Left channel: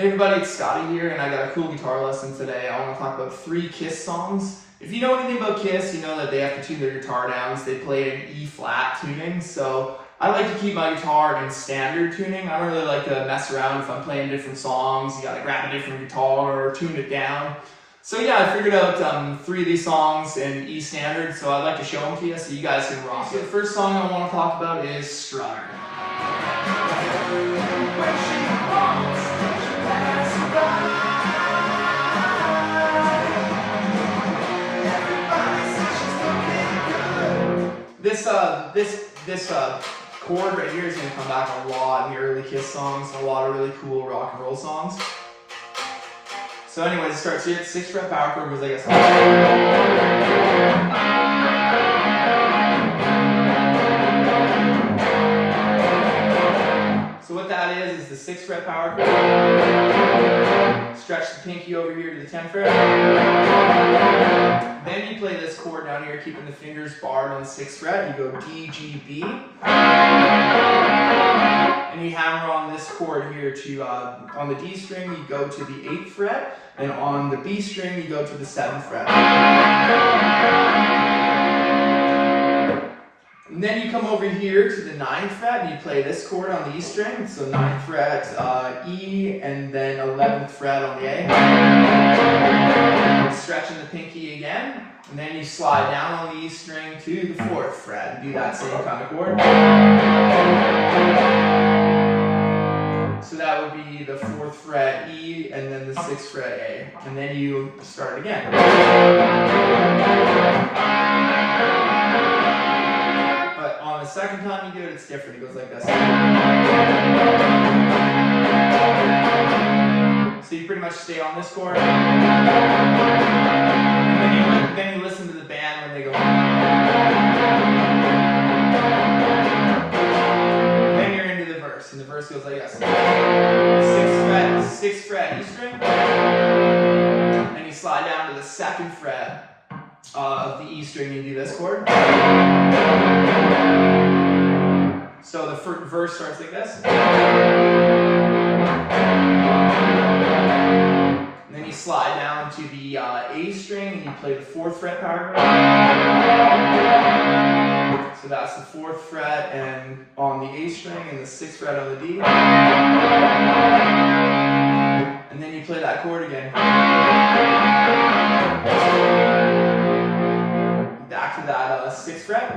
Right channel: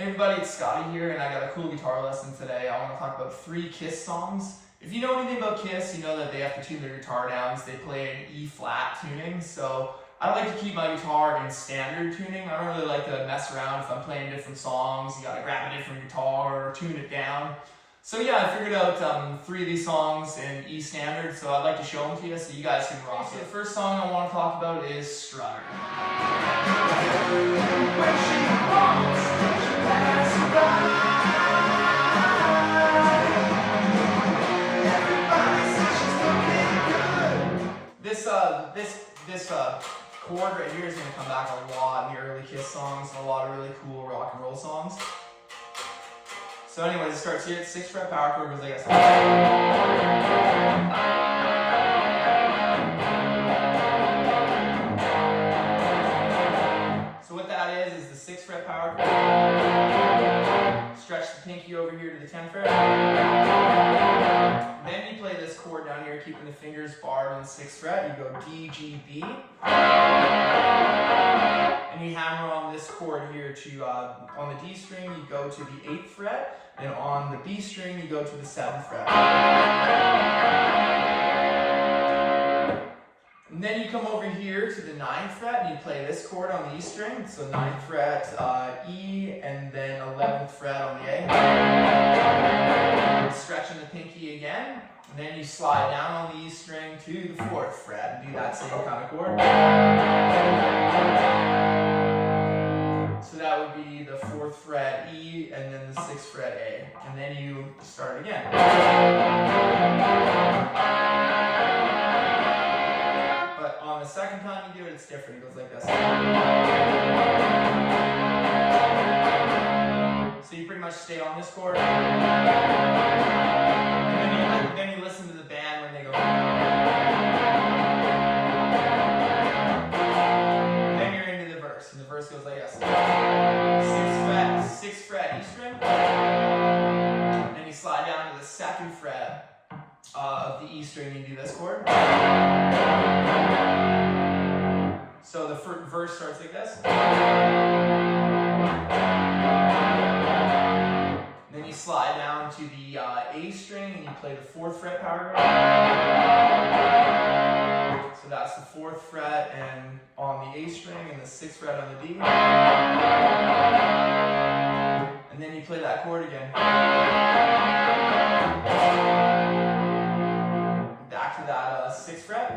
Hey everybody, it's Scotty here, and I got a cool guitar lesson today. I want to talk about 3 Kiss songs. If you know anything about Kiss, you know that they have to tune their guitar down, so they play in E-flat tuning. So I like to keep my guitar in standard tuning. I don't really like to mess around if I'm playing different songs. You gotta grab a different guitar or tune it down. So yeah, I figured out 3 of these songs in E standard, so I'd like to show them to you so you guys can rock it. So the first song I want to talk about is Strutter. This chord right here is going to come back a lot in the early Kiss songs, a lot of really cool rock and roll songs. So anyways, it starts here at 6th fret power chord, goes like this. So what that is the 6th fret power chord. Stretch the pinky over here to the 10th fret. Then you play this chord down here, keeping the fingers barred on the 6th fret. You go D, G, B. And you hammer on this chord here to, on the D string, you go to the 8th fret. And on the B string, you go to the 7th fret. And then you come over here to the 9th fret and you play this chord on the E string. So 9th fret E and then 11th fret on the A. Stretching the pinky again. And then you slide down on the E string to the 4th fret and do that same kind of chord. So that would be the 4th fret E and then the 6th fret A. And then you start again. The second time you do it, it's different. It goes like this. So you pretty much stay on this chord. And then you listen to the band when they go. Then you're into the verse, and the verse goes like this. 6th fret E string. And you slide down to the 2nd fret of the E string and you do this chord. So the verse starts like this. And then you slide down to the A string and you play the 4th fret power chord. So that's the 4th fret and on the A string and the 6th fret on the D. And then you play that chord again. Back to that 6th fret.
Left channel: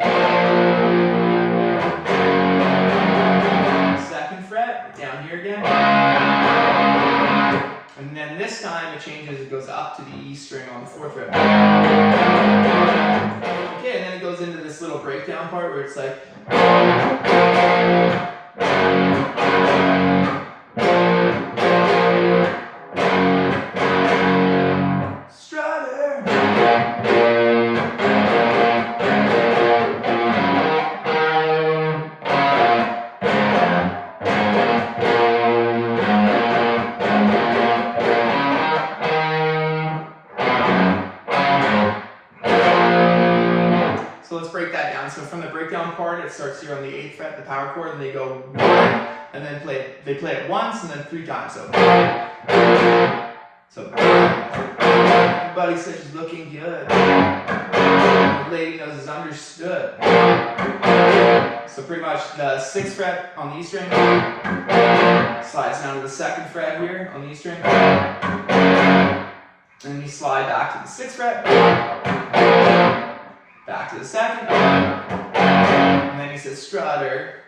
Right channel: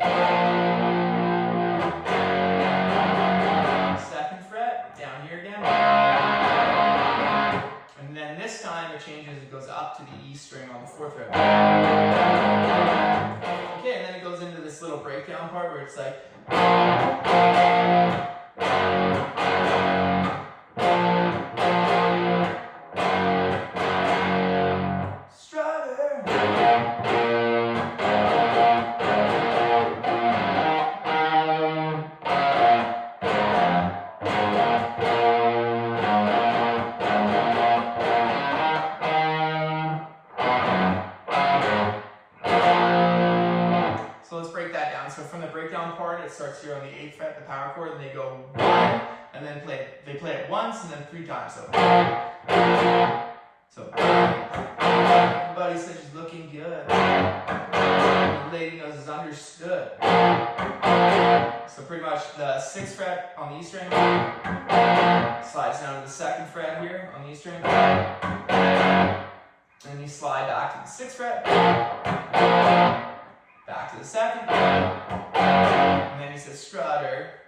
2nd fret, down here again. And then this time it changes, it goes up to the E string on the 4th fret. Okay, and then it goes into this little breakdown part where it's like. So let's break that down. So from the breakdown part, it starts here on the 8th fret, the power chord, and they go 1, and then they play it once and then 3 times. So everybody says she's looking good. The lady knows it's understood. So pretty much the 6th fret on the E string slides down to the 2nd fret here on the E string. And then you slide back to the 6th fret. Back to the 2nd, and then he says strutter,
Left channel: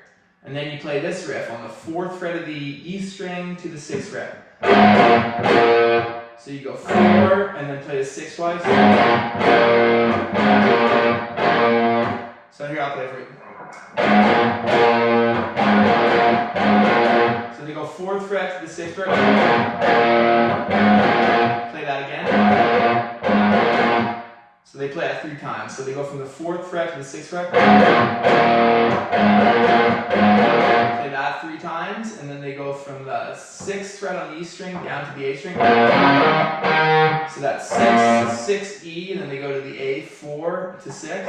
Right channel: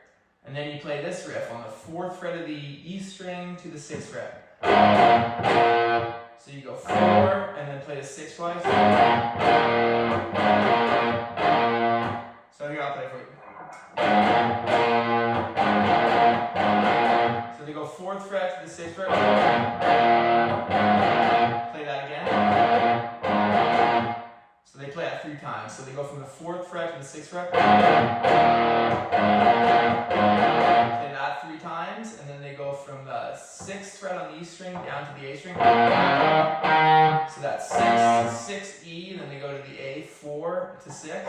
and then you play this riff on the 4th fret of the E string to the 6th fret. So you go 4, and then play the 6 twice. So here I'll play for you. So they go 4th fret to the 6th fret. Play that again. So they play that 3 times. So they go from the 4th fret to the 6th fret. Play that 3 times, and then they go from the 6th fret on the E string down to the A string. So that's 6, E, and then they go to the A, 4 to 6.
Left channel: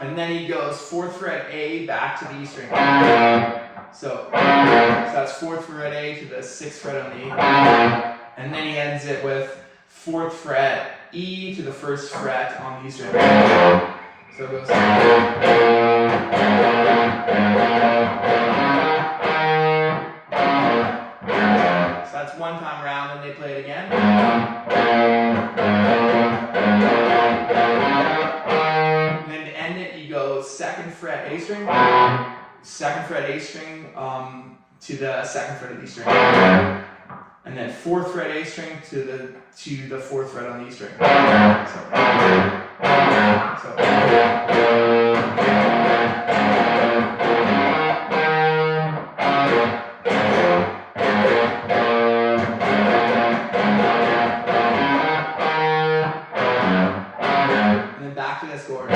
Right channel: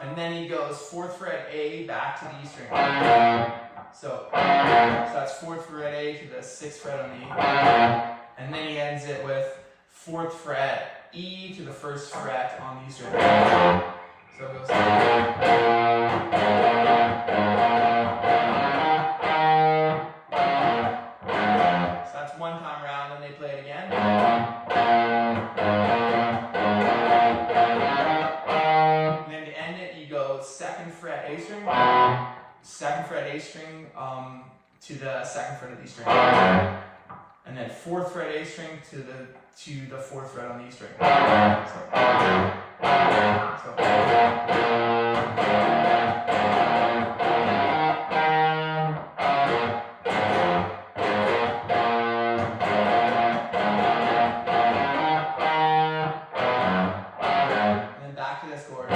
And then he goes 4th fret A back to the E string. So that's 4th fret A to the 6th fret on the E. And then he ends it with 4th fret E to the 1st fret on the E string. So it goes. So that's one time round, and they play it again. And then to end it, you go 2nd fret A string, 2nd fret A string to the 2nd fret of the E string, and then 4th fret A string to the 4th fret on the E string. And then back to this chord.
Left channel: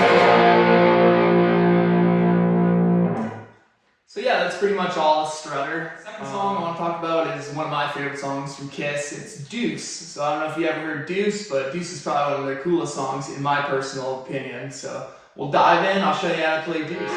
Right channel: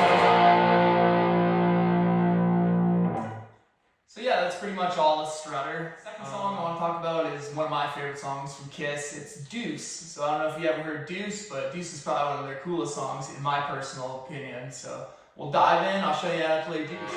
So yeah, that's pretty much all of Strutter. The second song I want to talk about is one of my favorite songs from Kiss. It's Duece. So I don't know if you ever heard Duece, but Duece is probably one of their coolest songs in my personal opinion. So we'll dive in. I'll show you how to play Duece.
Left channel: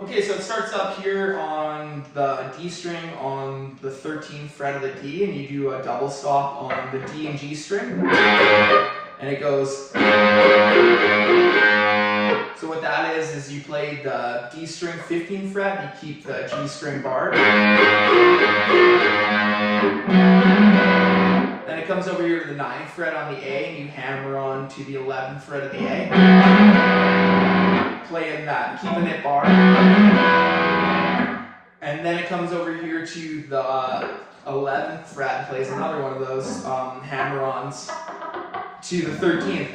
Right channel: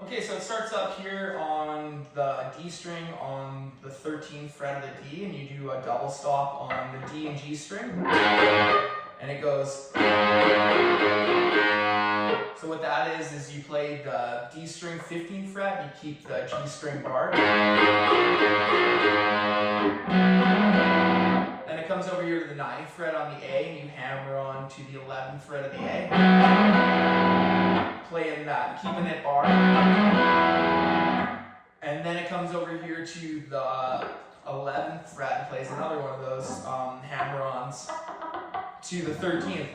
Okay, so it starts up here on the D string on the 13th fret of the D, and you do a double stop on the D and G string, and it goes. So what that is you play the D string 15th fret, and you keep the G string barred. Then it comes over here to the 9th fret on the A, and you hammer on to the 11th fret of the A. Playing that, keeping it barred. And then it comes over here to the 11th fret and plays another one of those hammer-ons to the 13th.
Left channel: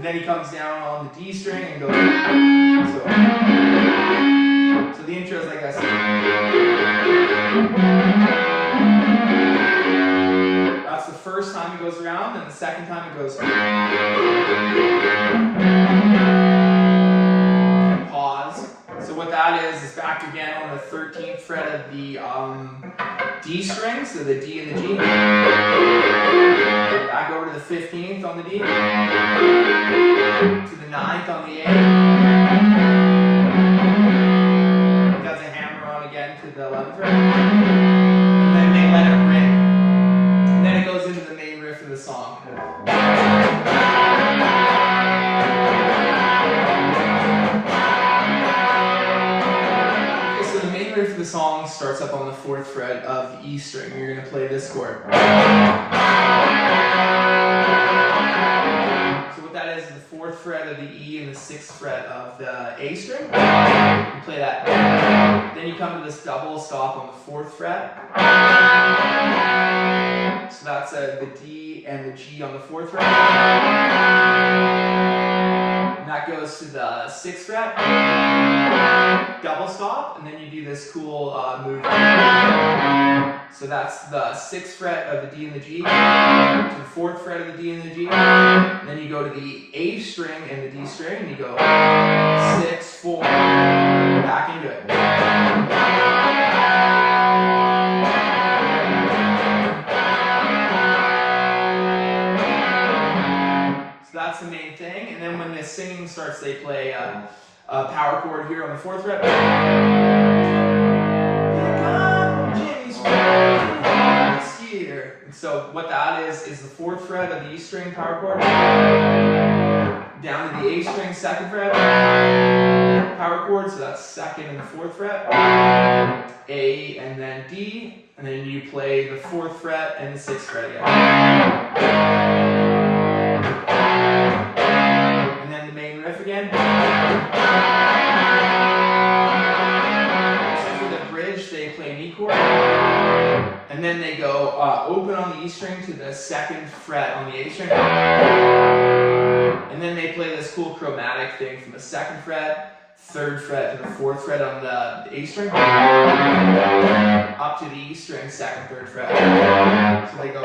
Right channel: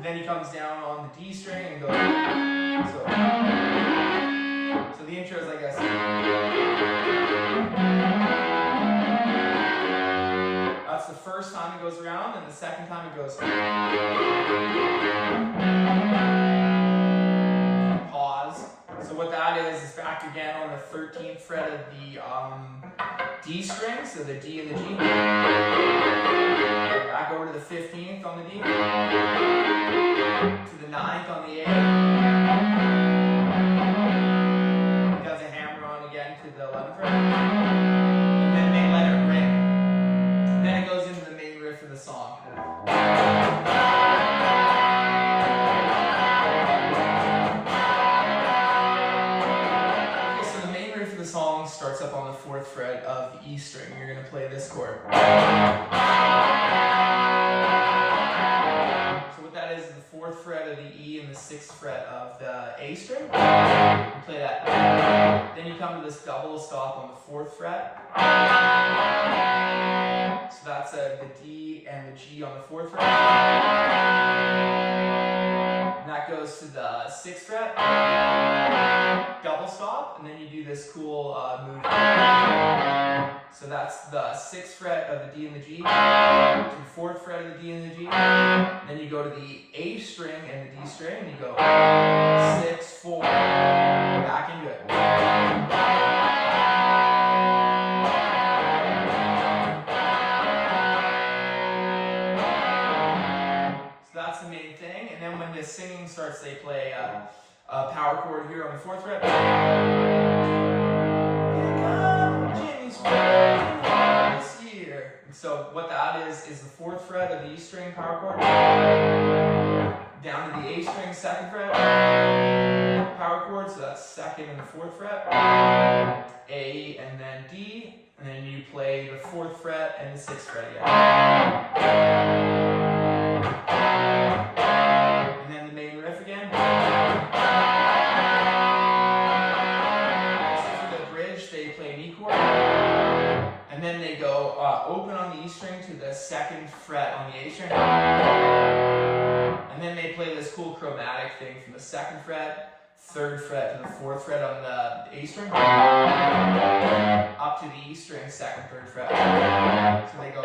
Then he comes down on the D string and goes. So the intro is like this. That's the first time it goes around, and the second time it goes. Pause. So what that is back again on the 13th fret of the D string, so the D and the G. Back over to the 15th on the D. To the 9th on the A. He does a hammer on again to the 11th fret. And then they let it ring. And then it goes into the main riff of the song. The song starts up on the 4th fret of the E string. You're going to play this chord. So what that is the 4th fret of the E and the 6th fret of the A string. You play that. Then you come to this double stop on the 4th fret. So that's the D and the G on the 4th fret. And that goes to the 6th fret. Double stop, and then you do this cool move. So that's the 6th fret of the D and the G, to the 4th fret of the D and the G, and then you go to the A string and the D string, and you go 6, 4, back into it. So that's the main thing, and then when the singing starts, they play a power chord here on the 4th fret. And so what that is the 4th fret of the E string power chord, down to the A string 2nd fret power chord, so that's 2nd and the 4th fret, A and then D, and then you play the 4th fret and the 6th fret again. And then the main riff again. open on the E string to the 2nd fret on the A string. And then they play this cool chromatic thing from the 2nd fret, 3rd fret to the 4th fret on the A string, up to the E string, 2nd, 3rd fret. So they go.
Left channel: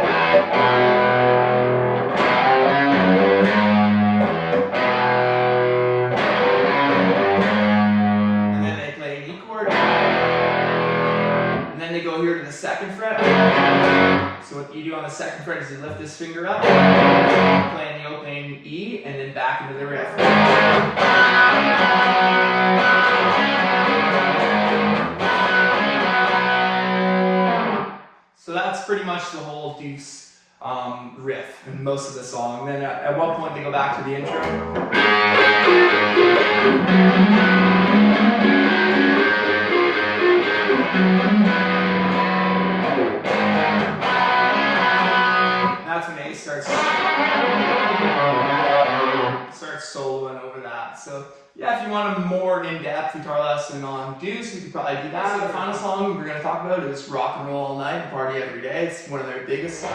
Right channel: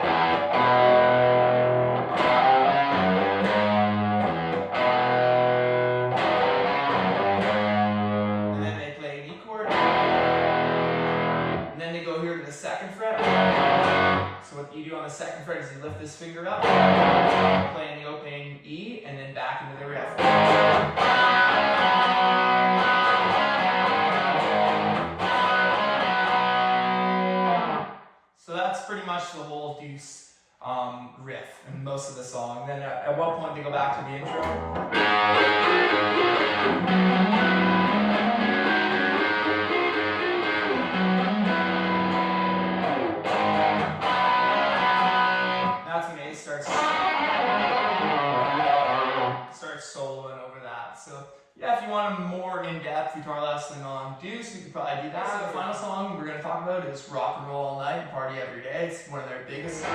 And then they play an E chord. And then they go here to the 2nd fret. So what you do on the 2nd fret is you lift this finger up, playing the opening E, and then back into the riff. So that's pretty much the whole Duece riff and most of the song. Then at one point they go back to the intro. That's when A starts soloing over that. So yeah, if you want a more in-depth guitar lesson on Duece, you could probably do that. So the final song we're going to talk about is Rock and Roll All Night, Party Every Day. It's one of their biggest songs.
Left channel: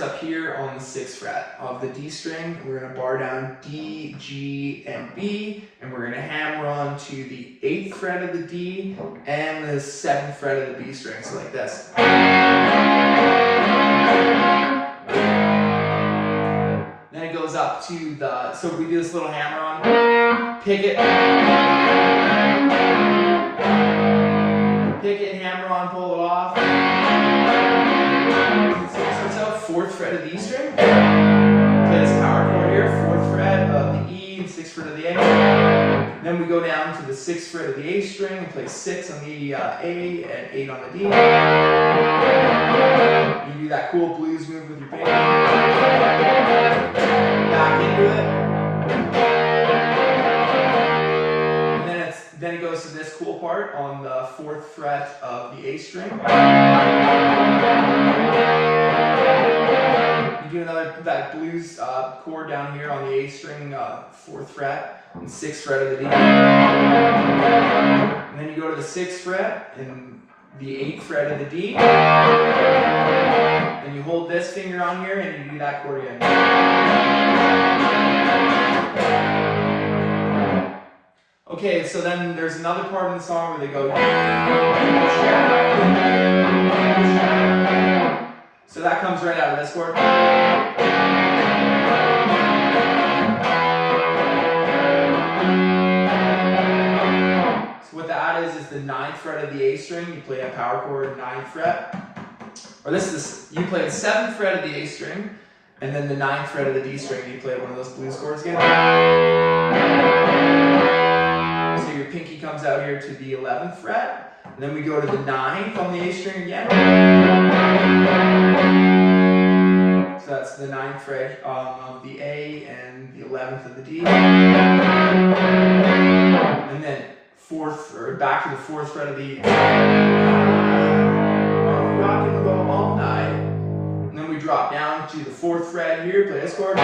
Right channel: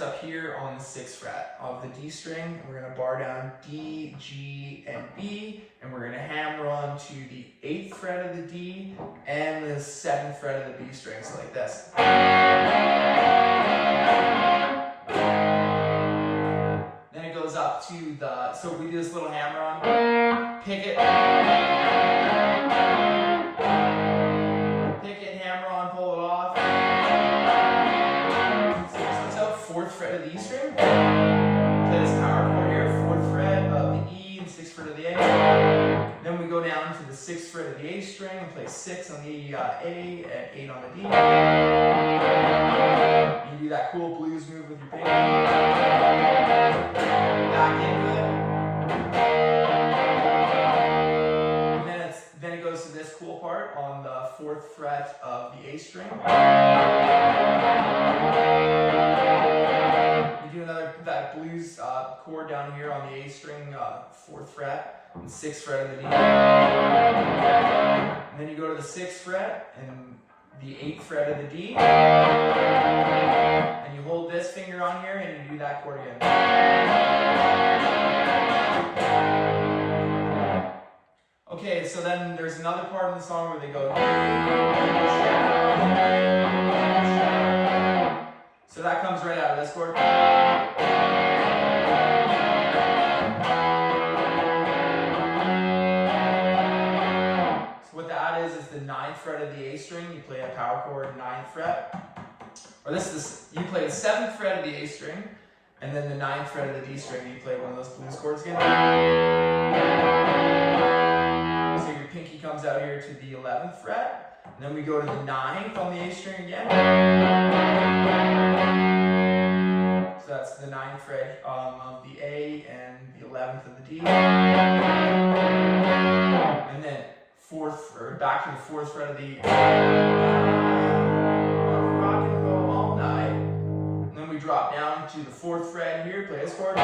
Up here on the 6th fret of the D string. We're going to bar down D, G, and B, and we're going to hammer on to the 8th fret of the D and the 7th fret of the B string, so like this. Then it goes up to the, so we do this little hammer on, pick it, hammer on, pull it off. 4th fret of the E string. Play this power chord here, 4th fret of the E and 6th fret of the A. Then we go down to the 6th fret of the A string and play 6 on the A and 8 on the D. You do that cool blues move with your pinky. Back into it. And then it goes to this cool part on the 4th fret of the A string. Do that blues chord down here on the A string, 4th fret and 6th fret of the D. And then you go to the 6th fret and the 8th fret of the D. And you hold this finger on here and you do that chord again. Okay, so then there's another part in the song where they go. So that comes right out of this chord. So what that is the 9th fret of the A string. You play a power chord 9th fret. Or this is, you play the 7th fret of the A string, and then the 9th fret of the D string. You play one of those blues chords again. So your pinky comes out here to the 11th fret. And then we go to the 9th on the A string again. So that's the 9th fret of the A and the 11th of the D. And then back to the 4th fret of the Rock and Roll All Night. And then we drop down to the 4th fret here, play this chord.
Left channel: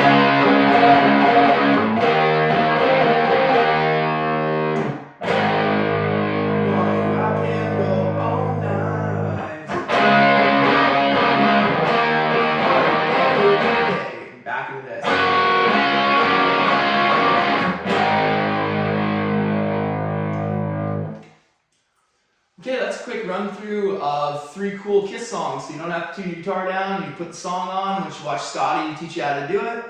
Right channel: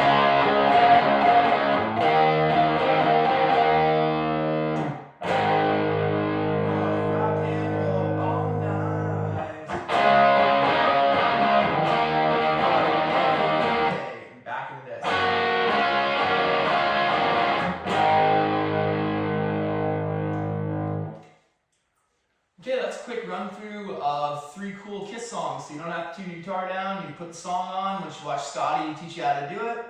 Okay, that's a quick run through of 3 cool Kiss songs. So you don't have to tune your guitar down, you put the song on, which you watch Scotty teach you how to do it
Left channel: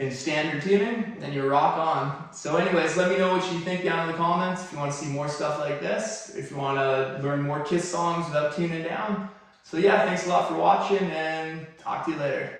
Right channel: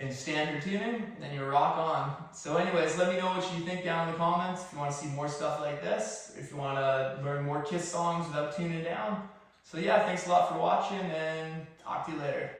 in standard tuning, and you rock on. So anyways, let me know what you think down in the comments if you want to see more stuff like this, if you want to learn more Kiss songs without tuning down. So yeah, thanks a lot for watching, and talk to you later.